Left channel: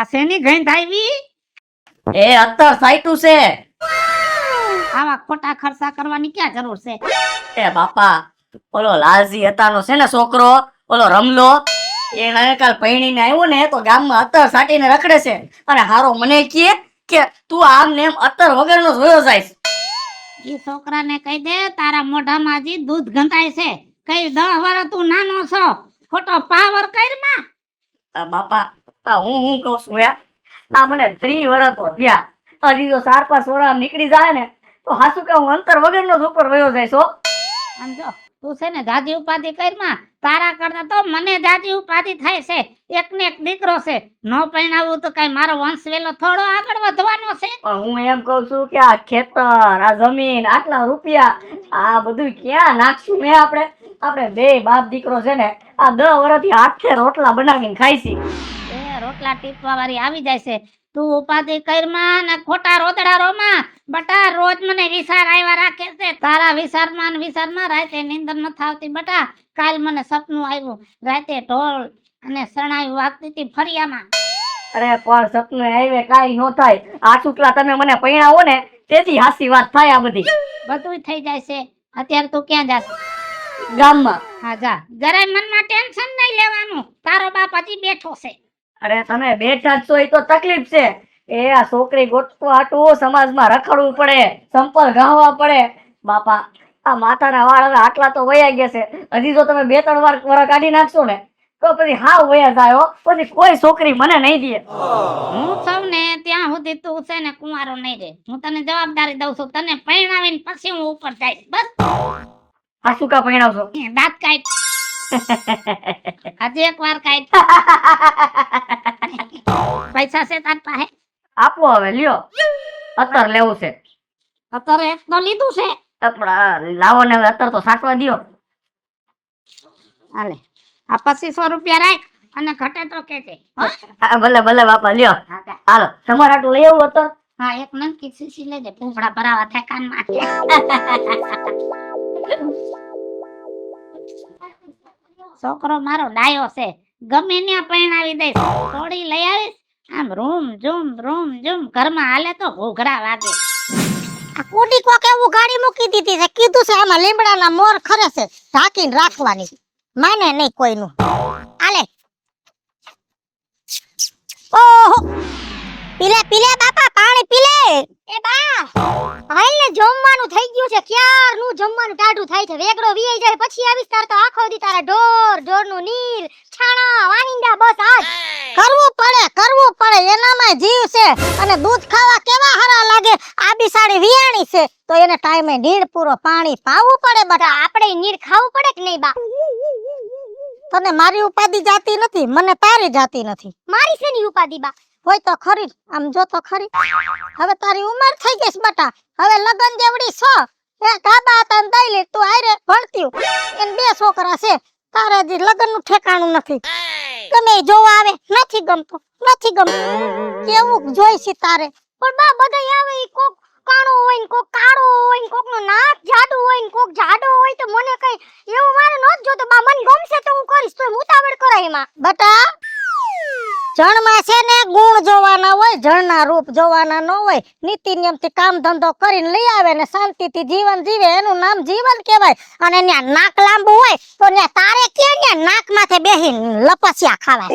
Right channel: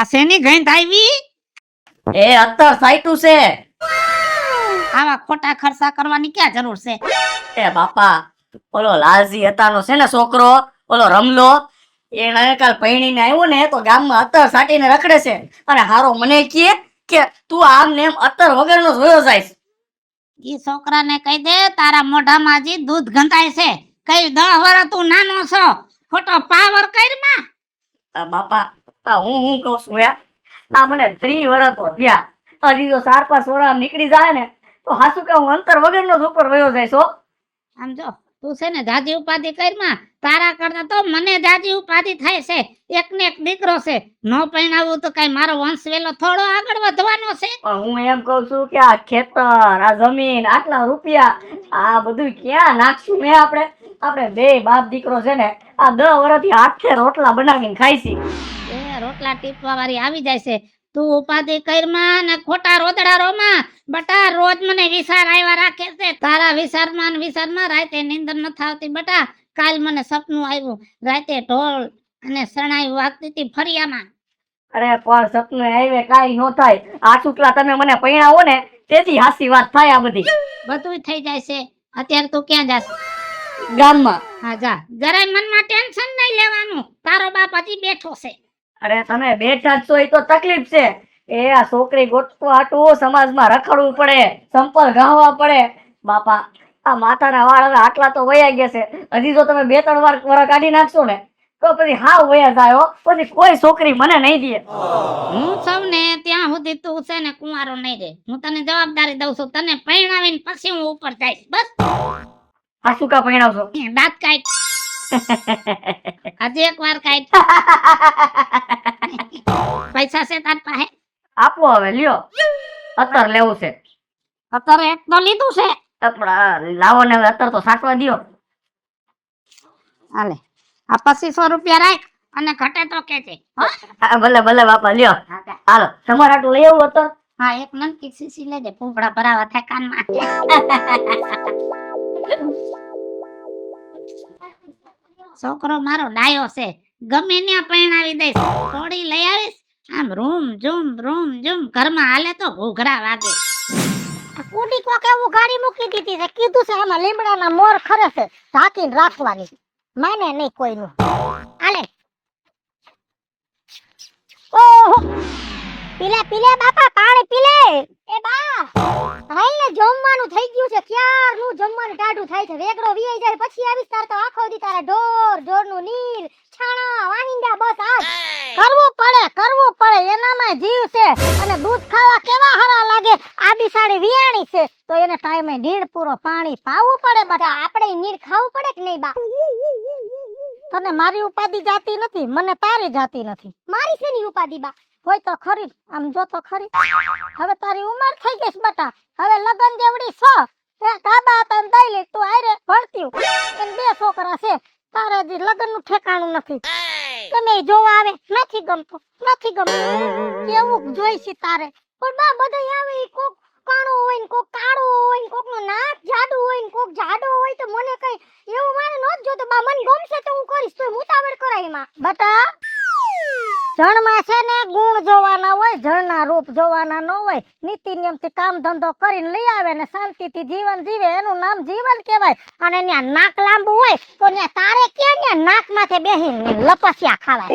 આ શેની ગંધ આવી? એ અત્તર સાઈટું છે. આવા ખોટા ખર્ચા કરવાની ક્યાં જરૂર છે? એ બાપા, ઓલો લાલજી હતાનો છે ને છોકરો, ઓલો રમલો, એને કાલ પૈણીને આવ્યો ને તો ગામમાં અત્તર સાટીને રખડે છે અને હારો મને કહે કે તું આમ ને એમ અત્તર વગરનો જોયો જાય. ઈ છોકરાને કહી દે તારા મોઢામાં હજી દૂધ ગંધાય છે. કઈ 10 વર્ષ તું નાનો છો, ખોટો પાવર કરમાં. બાપા, હું કહું છું યાર, આ મને 3 વર્ષ તો થયા, હજી તો 4-5 વર્ષ નીકળી જાય ને તો હાસુ કે હું અંતર વગરનો જ ઉપર વયો જાય છો. આમ જો તું છે ને જાજી ઉપાધિ કરમાં, તારા કરતા તો મને જાજી ઉપાધિ થાય છે. એક ને એક દીકરો છે, નો પરણાવું તો કઈ મારો વંશ વેલો થોડો આગળ વધવાનો છે? પણ હું એમ કહું છું કે આ ખેતર, આ જમીન, આટલા રૂપિયા, આ બધું ક્યાં નાખશું મેં? આપણે બે બાપ દીકરો છે ને આ 10 વર્ષથી હાથે રોટલા બનાવીને ખાઈશી. એ રોટલા ટીપવા વાળી આવી જાય છે. તું ઉપાધિ કરમાં ને ખોટા રોતડા રોમાં. બટા રોજ મને વિચાર આવ્યા રાખે છે. તારા વિચારમાં રાતે નીંદર નથી આવતી બટા. કાલ મને સપનું આવ્યું, રાતે ઢોલ અને શરણાઈ વાગતી હતી ફરિયામાં. અરે પણ સપનું આવે કાઈ નો થાય, આ શુક્લા તમે મને પૈણાવો ને તેથી હાસી વાત થાય. આ બધી બધું થઈ જાય છે. અત્યારે તું ક્યાં જાસ? ગામમાં. હા જા, જરાય મનમાં ટેન્શન નહીં લેવાનું. તારો બાપ હજી બેઠો છે. અરે તમે બેઠા જ છો એ તો તકલીફ છે. એ આ છોકરી ગોતવા હાટું સમાજમાં રખડવું પડે, સંપલ ગાવા પડે. બાપા, આ માથાના વાળ હવે આટલા તો વયા ગયા છે, હજી જો તમે 2-3 વાર કાઢી નાખશો ને તો પછી હાવ વયા જાય હો. પછી કોઈ છોકરી મને નહીં દે. હું સૌ ને ત્યાં સુધી તું છે ને કુંવારો નહીં રહે. હું તને જવાબદારી દઉં છું. તને પરણાવીને પછી હું ઉપર જઈશ. બસ આ શું કા પૈણાવશો? દાંત કાઢ. આજે એક વાર કાઢ. પૈસા છે તાર પાસે? આપો હવે, લ્યો. અત્તર લેવું છે. અત્યારે એક તો લીધું છે. પણ લાવો ને હવે અત્તર તો સાટવા દ્યો. હાલે આ 2500 રૂપિયા રાખ અને ઘટે તો કેજે. ભલે ભલે બાપા, લ્યો. હાલો, તમારે આટલું લઈ આવું અત્તર? હા, એક નનકી સીસી લેજે, ફૂંફડા ભરાવા થાય કાનમાં. છોકરો મારો ડાયો છે, ગમે ત્યાં પરણાવી દઈશ. થોડી લઈ આવીશ, આમ રૂમ ઝૂમ ઘરમાં હાલે તો ઘૂઘરા વાગે. આ કુડી કોક એવું ગાડી મૂકી દીધી છે, કીધું છે આમાં લીમડાના મોર ખરે છે, ઢાંકીને રાખવાની. માને નહીં કોઈનું. આલે ઓહો, પીલે બાપા, પાણી પીલે. એ બા, હાલ ને જમવાનું થઈ ગયું છે. ક્યારનું જમવાનું ટાઢું થાય છે. વેગડો વીઈ જાય પછી આવીશ તાર તો આખો દી તારા ઢોરનું નીર, છાણા, વાહિંદા, બસ આજ કરવું પડે. એનામાં જીવ છે અને દૂધ ખાવા કેવા હરા લાગે. આ બિસાડી વિયાણી છે તો એને ટાઈમે નીર પૂરો પાણી પાવું પડે. બટા આપણે નીર ખાવું પડે કે નહીં બા? તને મારી ઉપાધિ જાતી નથી, મને તારી જાતી નથી. મારી શેની ઉપાધિ બા? હોય તો ખરી, આમ જો તો ખરી. હવે તારી ઉંમર થઈ ગઈ છે બટા, હવે લગન જેવડી છો. એ કાબા તન દઈ લે, તું આરે ભણતી એને 2 છોકરા છે. તારા જે લગનનું ઠેકાણું નથી. ગમે ઈ જોવા આવે, નથી ગમતું. કેવું જોઈ છે તારે? પણ બા બધા આવે ઈ કોક કાણો હોય ને કોક કાળો હોય ને કોકનું નાક જાડું હોય ને કોક જાડો હોય તો મને કઈ એવું મારે નોત જોતો બા. મને ગમશે તો હું કરીશ, તો ઉતાવળ કરાય એમાં. બટા જણમાં છે ને ગુણ જોવાના હોય, જણના રૂપ જોવાના ન હોય. નીતિ નિયમથી કામ ધંધો કરીને લઈ આવે ને શાંતિથી જીવન જીવે, એનું નામ જીવન કહેવાય. અને ન્યા નાક લાંબુ હોય તો ન્યા તારે ક્યાં ન્યા નાક માથે બેહીને લપસ્યા ખાવા.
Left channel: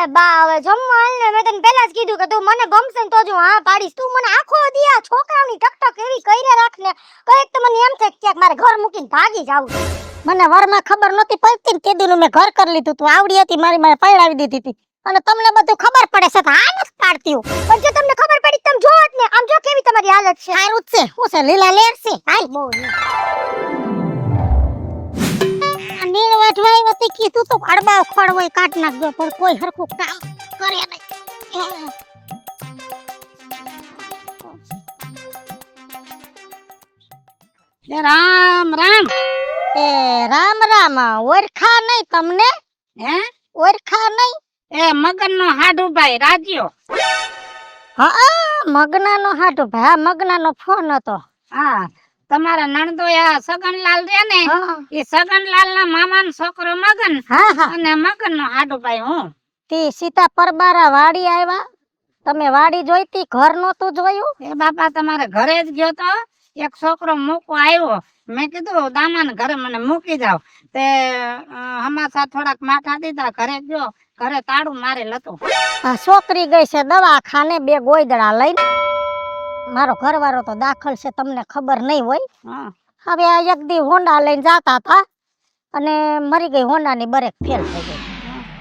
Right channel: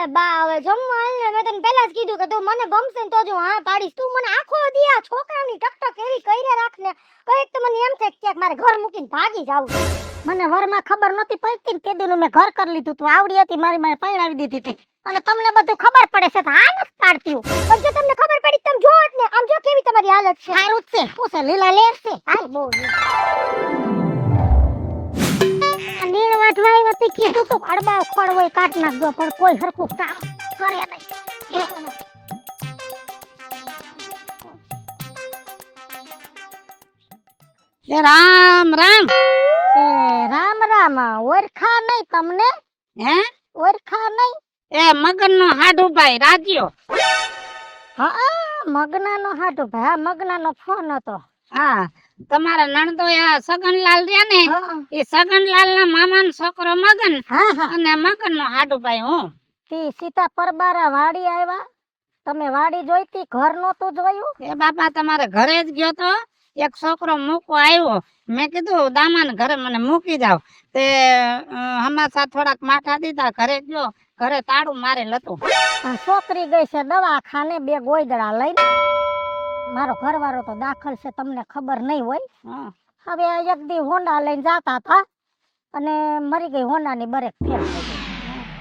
એ બા હવે જમવા આલને, મેં તને પહેલા જ કીધું કે તું મને ગમશે ને તો જ હું હા પાડીશ. તું મને આખો દી આ છોકરાની ટકટક એવી કઈને રાખને કઈક તો મને એમ થાય કે ક્યાંક મારે ઘર મૂકીને ભાગી જાવું. મને વરમાં ખબર નહોતી પડતી ને તે દીનું મેં ઘર કરી લીધું. તું આવડી હતી મારી માએ પરણાવી દીધી હતી અને તમને બધું ખબર પડે છે તો આ નથી પાડતી. પણ જો તમને ખબર પડી તમે જોવો જ ને, આમ જો કેવી તમારી હાલત છે. સારું જ છે, શું છે લીલા લેર છે. હાલ બહુ નીણ વાટવાઈ નથી કીધું તો ખડબા ખડ હોય કાટ નાખજો, પણ કોઈ હરખું કામ કરે નહીં. રામ રામ. એ રામ ઓરખા નહીં તમને? હે ઓરખા નહીં? એ મગનનો હાડુભાઈ રાજ્યો. હા, મગનાનો હાડુભાઈ. હા, મગનાનો ફોન હતો. હા, તમારા નણદોયા સગનલાલ રહ્યા ને, એ સગનલાલ ના મામાનો છોકરો મગન અને મગન નો હાડુભાઈ હું. તી સીતા પરબારા વાડી આવ્યા. તમે વાડી જોઈતી, ઘર નહોતું જોયું? એ બાપા તમારે ઘરે જ ગયો તો એક છોકરો મૂકવા આવ્યો. મેં કીધું દામાને ઘરે મને મૂકી જાવ. તે હમાસા થોડાક માથા દીધા, ઘરે ગયો, ઘરે તાળું મારેલ હતું. આ છોકરી ગઈ છે દવાખાને 2 ગોયદડા લઈને. મારો ઘરવાળો તો દાખલ છે, તમને ખબર નહીં હોય. હા. હવે આ એક દી હોન્ડા લઈને જાતા હતા અને મરી ગઈ. હોન્ડાની બ્રેક ફેલ થઈ ગઈ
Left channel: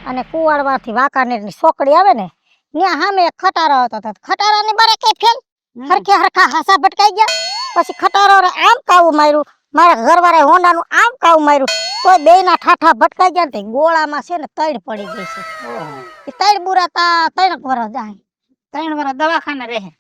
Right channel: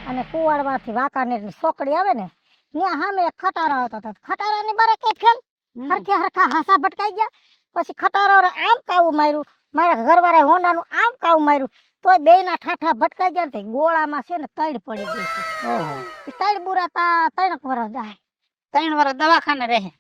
અને કુવાડવાથી વાંકાનેરની છોકરી આવે ને ત્યાં સામે એક ખટારો હતો. તો ખટારાની બ્રેક ફેલ, હરખે હરખા હાસા ભટકાઈ ગયા. પછી ખટારો આમ કાવું માર્યું, મારા ઘરવાળાએ હોન્ડાનું આમ કાવું માર્યું, તોય બેયના ઠાઠા ભટકાઈ ગયા. ને ગોળામાં છે ને તૈડ પડી ગઈ છે. એ તૈડ બુરાતા 3 વર્ષ જાય. 3 વર્ષ દવાખાને રહે.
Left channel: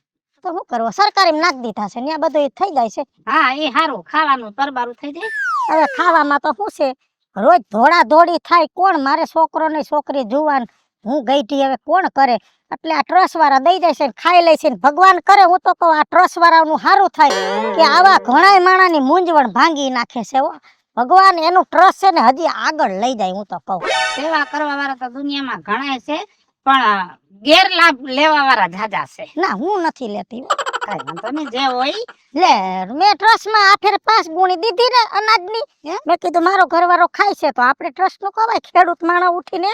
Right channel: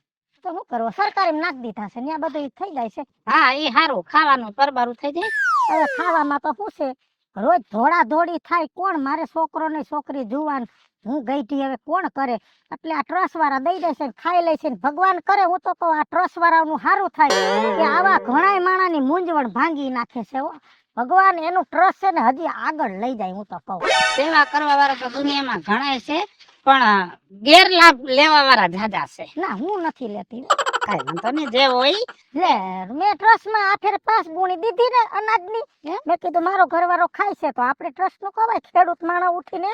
તો શું કરવું, સરકારી નાખ દીધા છે, ત્યાં બધું થઈ જાય છે. હા, એ સારું, ખાવાનું પરબારું થઈ જાય. હવે ખાવામાં તો શું છે, રોજ ધોળા ધોળી થાય. કોણ મારે છોકરો ને છોકરી જુવાન, હું ગઈઢી, હવે કોણ કરે? એટલે આ ટ્રસ્ટ વાળા દઈ જાય છે ને ખાઈ લે છે ને ભગવાન કરે. હું તો કહું આ ટ્રસ્ટ વાળાનું સારું થાય કે આવા ઘણા માણાની મૂંઝવણ ભાંગી નાખે છે. હો ભગવાન એનું ટ્રસ્ટ છે ને હજી આગળ લઈ જાય. હું તો કહું સેવા કરવા વાળા તો દુનિયામાં ઘણા છે, પણ ગેરલાભ લેવા વાળા જાજા છે. ના, હું નથી લેતી. કાંઈ વાંધો નહીં, જે હોય. લે, મેં ટ્રસ્ટ માં આ ફેર 5 ગુણી દીધી ને અનાજની. મેં કીધું મારો ઘરવાળો ખાય છે તો આપણે ટ્રસ્ટ નું કવાય, ખેડૂત માણસ ઉઠીને.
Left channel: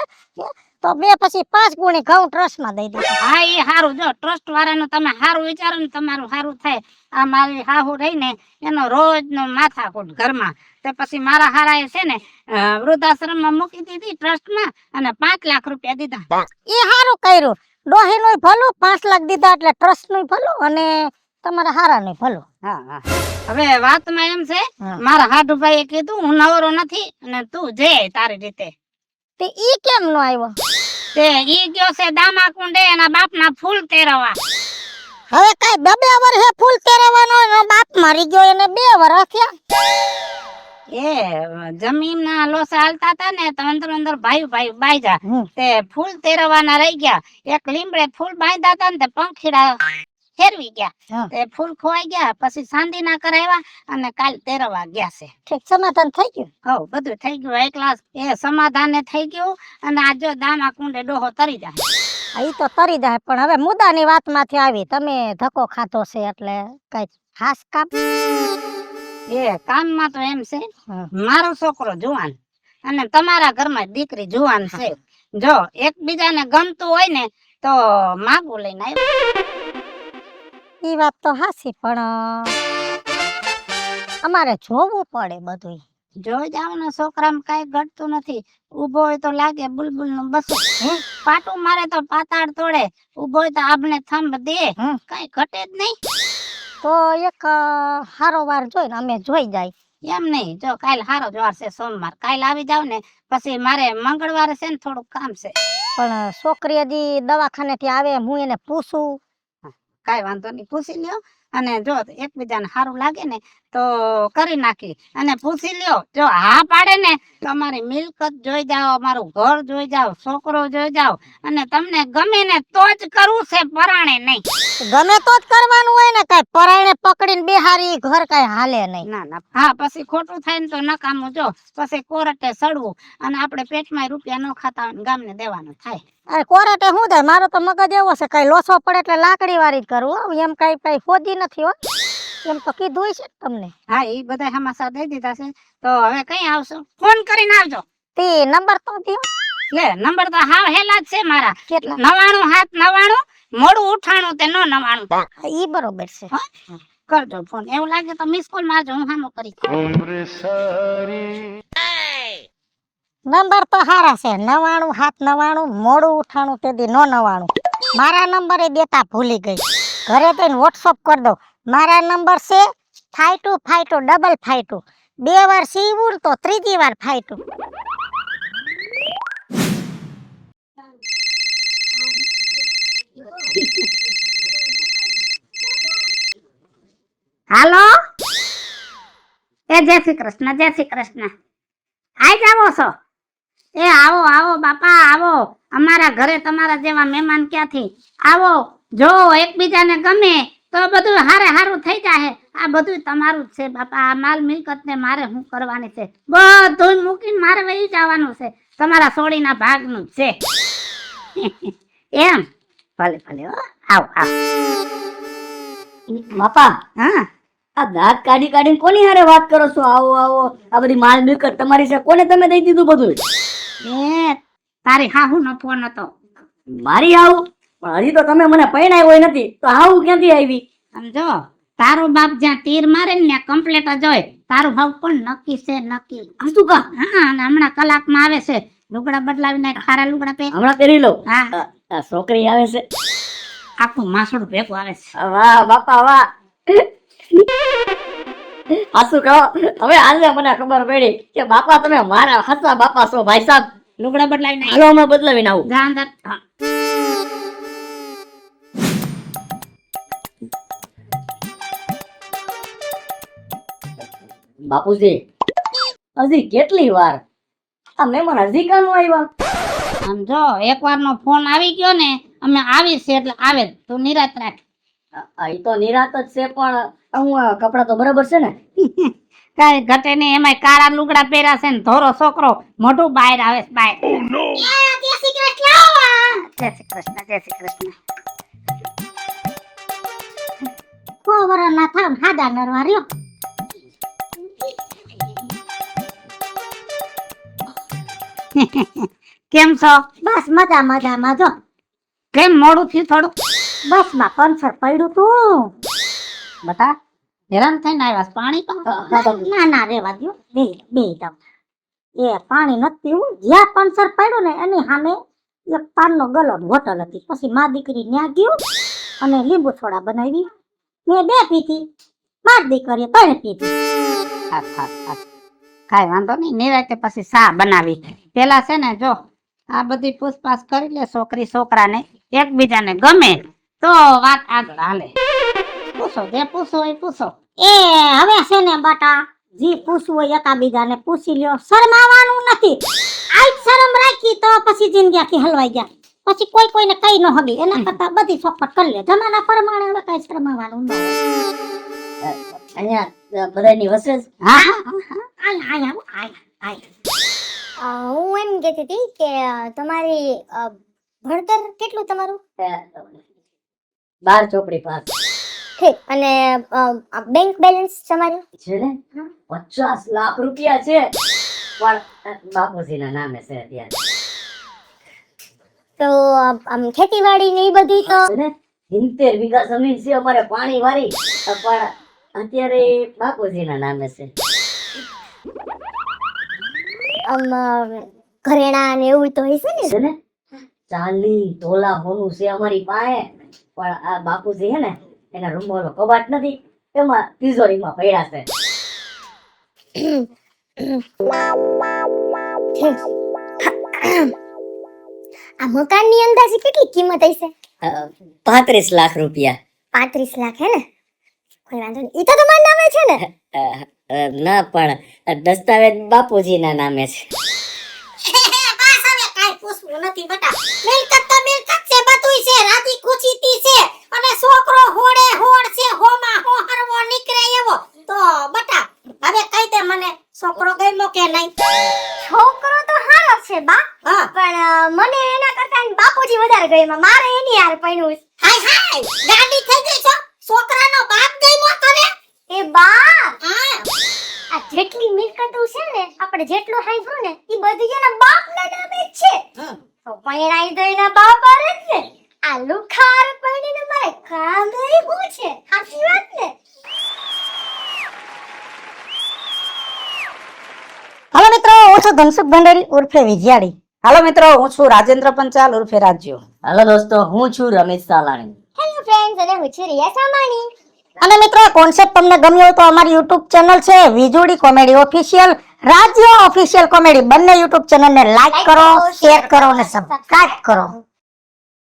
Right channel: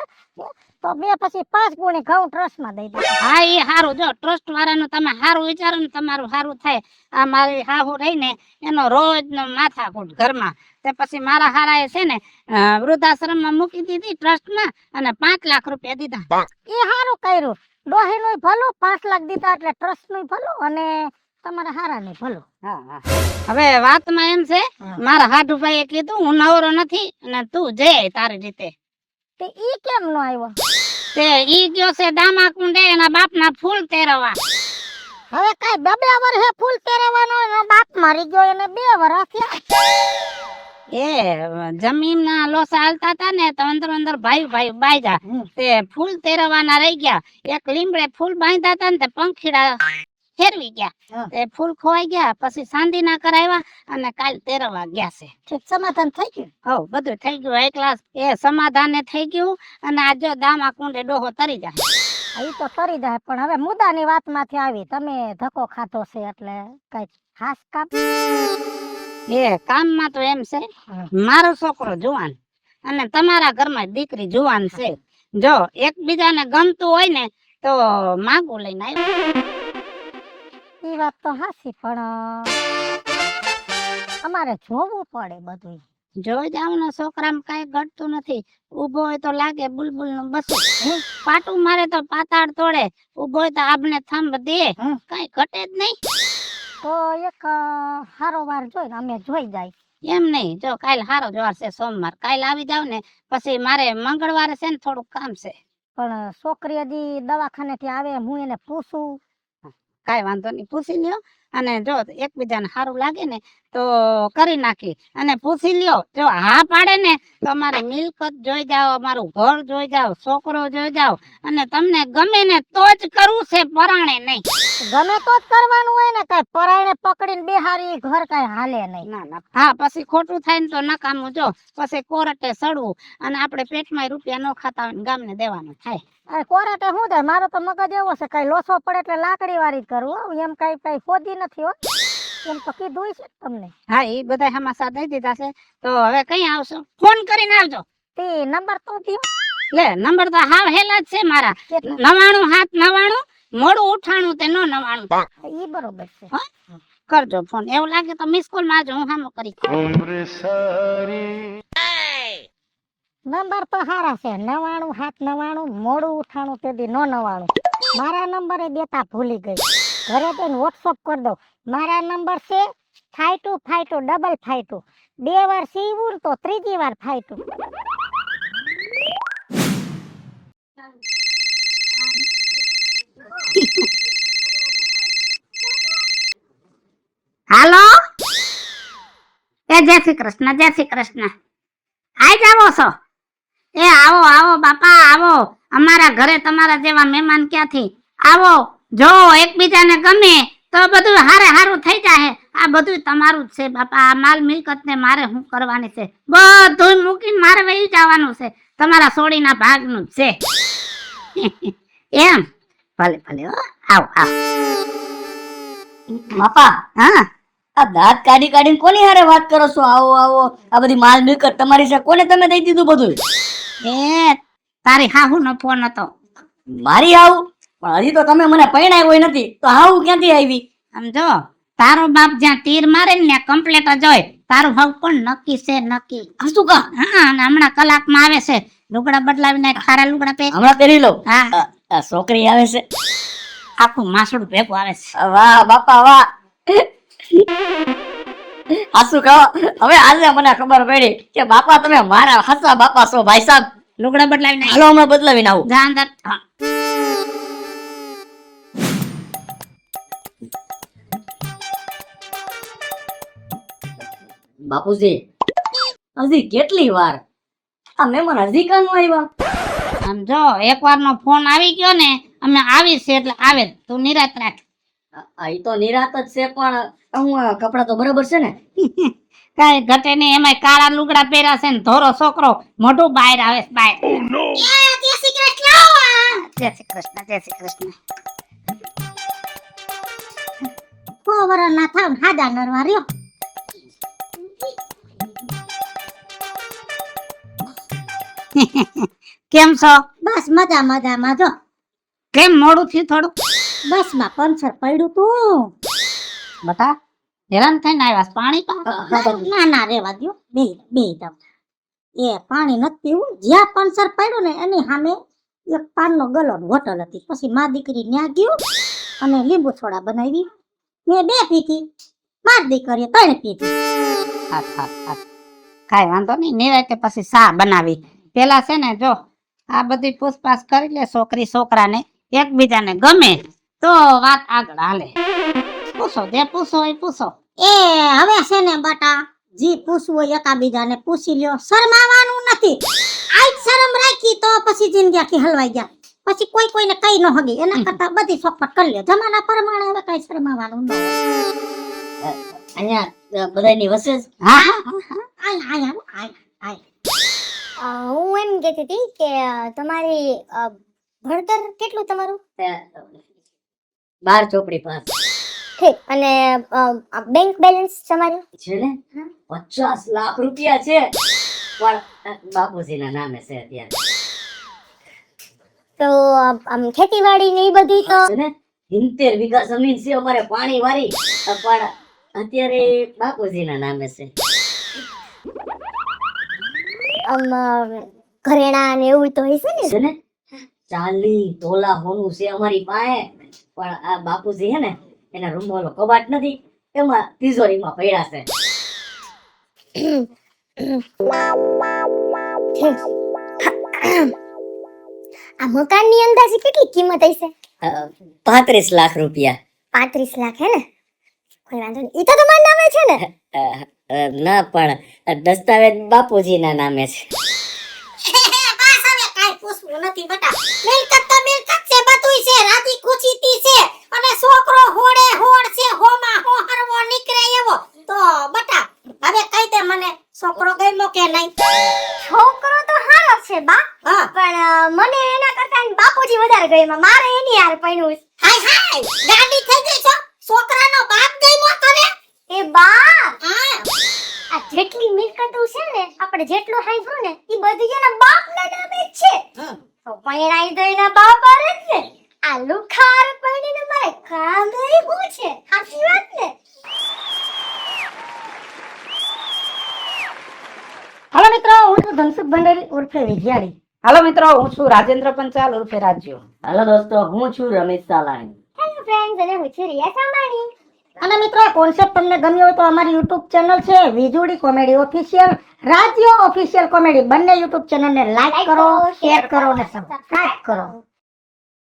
તો મેં પછી 5 ગુણી ઘઉં ટ્રસ્ટ માં દઈ દીધી. હા, એ સારું. જો ટ્રસ્ટ વાળાનું તમે સારું વિચારો ને તમારું સારું થાય. આ મારી હાહુ રહી ને એનો રોજ નો માથાકૂટ ઘરમાં. તો પછી મારા હારા છે ને વૃદ્ધાશ્રમમાં મૂકી દીધી ટ્રસ્ટમાં અને 5 લાખ રૂપિયા દીધા. એ સારું કર્યું. ડોહી નું ભલું, 5 લાખ દીધા એટલે ટ્રસ્ટ નું ભલું અને તમારા હારા નું ભલું. હા, હા. હવે વાતમાં એમ છે, હા. મારા હાડુભાઈએ કીધું હું નવરો નથી અને તું જઈ તારી રીતે. તે ઈ કેમ નો આવ્યો? તે ઈ ગયો છે દામા કુંડે એના બાપના ફૂલ તેરવા. હવે કઈ 2 વર્ષે ફૂલ તેરવાનો એનો બાપ મરી ગયો, એને 2 વર્ષ થયા. એ જમીન ના લોસા હાલતા હતા ને તો અંદર ભાઈ બાંધ્યા. તે ફૂલ તેરવાના રહી ગયા. એક લીમડે ફૂલ બાંધ્યા હતા ને તે પંખીડા ફેરવી ગયા. તે ફૂલ ખોવાઈ ગયા. પછી ચાંદી ના કરાવ્યા અને કાલ તેરવા ગયા છે. ઠીક, સમાધાન થઈ ગયું. હો, બધું થઈ ગયું. એકલા એ સમાધાને થઈ ગયું અને આ જો દામા કુંડે ડોહો તરી જાય. ઈ તો તરી જાય, પણ હવે મુદ્દાની વાતમાંથી આવી. તમે ધક્કો ખાધો છે એટલે કઈ ખાસ કામ? એ કામમાં તો એમ છે, મારો છોકરો જુવાન અને તમારા ઘરમાં દીકરી જુવાન છે. જો એકબીજાને ગમતું હોય ને તો માગું લઈને આવ્યો. ઈ વાત તો હાસી, પણ અમારે જોવું પડે બધું. જોઈ જાવ ને છોકરામાં કઈ ઘટતું નથી. ઉભો હોય તો લાગે બુલબુલ નું બસું. પાટું મારે તો પાતાળ તોડે. ઉભો હોય તો આબને થંભ દે. કઈ ઘટે જ નહીં. તો એક હારો વાર જોઈને અમે જોઈ જાય. એમ નહીં, જો કાલ હારો જ વાર છે, સોમવાર. કાલ આવી જાવ ને પછી મારે મંગળવારે છે ને થોડુંક કામ છે. પણ છોકરી હજી દવાખાને થી આવે, હું એને પૂછું. કાઈ વાંધો નહીં, પૂછી લ્યો. અને જો એકબીજાને સારું લાગે ને તો કરી નાખી અને પૂછી લ્યો. જો હા પાડે ને તો અમારી મિલકત જોઈ જાઓ, અમારું ઘર જોઈ જાઓ, છોકરો જોઈ જાઓ અને તમને ગમે ને તો જ કરવું છે, પરાણે નહીં. ગમે તો જ કરવાનું હોય ને, કઈ પરાણે પકડીને બેહારી ઘર કઈ હાલે નહીં. ના ના, હા, પછી ખોટું થાય ને તો નકામું. જો પછી કોર્ટે સડવું અને આપણે પેટમાં રૂપિયા ન ખાતા હોય ગામને દેવાનું થાય. અરે કોરાટે શું થાય, મારો તો મગજ એવો છે, કઈ લોસો પડે એટલે લાકડી વાળી જ કરવું. એમ કઈ ફોજી નથી હો, એમ તો કીધું હોય છે તમને. હા, એ બધા હમાસા દઈ દીધા છે. તો હવે કઈ આવશો ફોન કરીને આવજો. તે નંબર તો દીધો. લે, નંબર તો હાવ હેલા જ છે મારા. કેટલા? 99 મોડું ઉઠાણું તે 99. ઈ બરોબર છે. કરજો ફોન. એવું લાગે તો મિસ કોલ મારજો, હું હામો કરી. નંબર તો હારા છે, 99 મોડું ઉઠાણું તે દી 99. મારા નંબરે દેતા ભૂલી ગઈ. ઘરે જઈને વોટ્સઅપ કરી દો. મારા નંબર છે 5252 2 વાર સીવું તો 3જી વાર ફાઈટું. હાલો, એ જય શ્રી કૃષ્ણ, જય શ્રી કૃષ્ણ. આઈ જાવો છો? એ આવો આવો બાપા આવો. અમારા ઘરે તમારા જેવા મહેમાન ક્યાંથી? આવો. જો એકબીજાને ગમે તો બધું હારે હારું થઈ જાય. આ બધું તમારું જ છે બાપા. આ માલ મિલકત ને મારે શું કરવાની છે? બધું મૂકીને મારે વહી જવાનું છે. તમારા સોડીના ભાગનું જ છે. એમ ભલે ભલે હો. આવ આવ બાપા હા આ દાંત કાઢી કાઢીને કોની હારે વાત કરો છો? આવો આવો આ બધી માલ મિલકત તમારી છે, કોને તમે દઈ દીધું બધું? એ તારી હાહુનો ફોન હતો. મારી આવું પણ હજી તો તમે મને પરણાય હોય નથી તો હાવું ક્યાંથી આવી? સમજો તારો બાપ જ્યાં તીર મારે ને ત્યાં કમ્પ્લેટ જ હોય. તારું હાવ પણ નક્કી છે નક્કી. શું કા? હા અને હમણાં કલાકમાં આવે છે. લુગડા બદલાવીને ખારા લુગડા પહેર. હમણાં પહેરી લો. હા આ છોકરી આવે છે. આખું માસુડ ભેગું આવે છે. વાહ બાપા વાહ. આસુ કહો હવે આજે મને ખબર પડી કે બાપા તમે મારા હાચા બાપા છો ભાઈ સાહેબ. લુગડા બદલાવીને હાલો હમણાં બદલાવીને આવું. જા અંદર. બાપુજી હજી કેટલી વાર? આ મહેમાન હજી કાનો આવ્યા? સમજો એકવાર નો ફોન આવી ગયો ને અમે આવી છે એટલે આવે જ. તું નિરાત રાખ. ઈ તો નિરાત જ છે પણ હું કપડા તો બરાબર છે ને? કાંઈ ઘટે નહીં. એમાંય કાળા લુગડા પહેર્યા છે ને ધોરો છોકરો મોઢું બહાર આવે છે બહાર. જય શ્રી કૃષ્ણ જય શ્રી કૃષ્ણ. ના થામ હાદા નરવા રહ્યો. કેમ છો? બસ મજા મજામાં જો. કેમ મોડું થયું થોડું? બસ માં પંચર પડ્યું તું. બતા હેરાન થઈને આવ્યા છે. પાણી પા ના ના રેવા દ્યો બે બે દમ. એ પાણી નથી પીવું. જ્યાં પંચર પડ્યું ને એની સામે એક પાનનો ગલો હોટલ હતી. પછી મા દીકરી ન્યા ગયું અને લીંબુ સોડા બનાવી. મેં બે પીધી. માર દીકરીએ ત્રણ પીધી. કાંઈ વાંધો નહીં. નિરાતે પછી ચા બનાવી. પેલા છે ને જો આ બધી પૂછપાછ કરી લે છોકરી છોકરાને. એકબીજાને ગમે તો વાત આગળ હાલે. પૂછો જે પૂછો એ પૂછો. એ હવે છે ને બટા જી પૂછવું હોય એકાબીજાને પૂછી લ્યો. શરમાવાનું નથી. આજ શરમ રાખી તો પછી જિંદગી આખી હલવાઈ જાય. પછી કોઈ કોઈને કઈ ન હગી. એના કરતા બધી ચોખવટ કરી લે. જમાના પ્રમાણે હવે કઈ શરમાવાનું ન હોય. અહીંયા બધાની વસે જ. હા હું એમ કહેતી હતી કે તમારી ભણતર કેટલું તમારું? 12 ચોપડી પાસ ઠીક. અને બેંક બેલેન્સ તમારું? છે ને 50 લાખ રૂપિયા છે પણ બાપુજીના નામે છે અત્યારે. તો આમ ખેતીવાડી ને એ બધી તો છે ને 70 વીઘા જમીન છે અમારે પાણી વાળી પણ અત્યારે બાપુજીના નામે છે. આમ ઘરેણા ને એવું તો હશે ને? છે ને 40 તોલા હોનું છે અમારી પાસે પણ આ બાપુજી હે ને એના રૂમમાં ઓલો કબાટ નથી એમાં તિજોરીમાં પડ્યા છે. આ મકાનની અંદાજે કેટલી કિંમત હશે? 35 લાખ રૂપિયા. 35 લાખ હે ને? કોઈ વાંધો નહીં. ઈ તો તમારા નામે છે ને? ના પણ દસ્તાવેજ બાપુજીના નામે છે. બસ હવે કાઈ પૂછવું નથી બટા. મિલકત તો મિલકત છે, બધુંય છે, રાતી ખુશીતી છે અને છોકરો હોડે હોડ છે, હોમાં હો હરવો નીકળે એવો. તો બટા હવે કહી દે મને છોકરો ગમ્યો કે નહીં? છોકરો તો હારો છે બા. પણ મને એના કરતા બાપુજી વધારે ગમ્યા. મારે એની યાર પૈણું. હાય હાય ગાડી થઈ ગઈ છો. છોકરાનો બાપ ગમ્યો તને? એ બા આ જેટલી મિલકતો છે ને આપણે જેટલું હાઈફ્યું ને ઈ બધી એના બાપના નામે જ છે. તો પૈણાઈ તો એના બાપ આરે જ ને. આ લુખાર પૈણીને મારે કામ નહીં હું છે. સાચી વાત ને? હાલો મિત્રો, હું છું ધનસુખ ભંડારી ઉર્ફે વિજયાડી. હાલો મિત્રો, હું છું રાજેન્દ્ર પંચાલ ઉર્ફે રાજ્યો. હાલો દોસ્તો, હું છું રમેશ સાલાણી. હેલો ફ્રેન્ડ્સ, અને હું છું રિયા સામાણી. અને મિત્રો, કોન્સેપ્ટ તમને ગમ્યો હોય તો અમારી યુટ્યુબ ચેનલ છે વીજોડી કોમેડી ઓફિશિયલ, રાજ્ય ઓફિશિયલ કોમેડી. બંને યુટ્યુબ ચેનલને લાઈક કરો, શેર કરો અને સબસ્ક્રાઇબ કરો.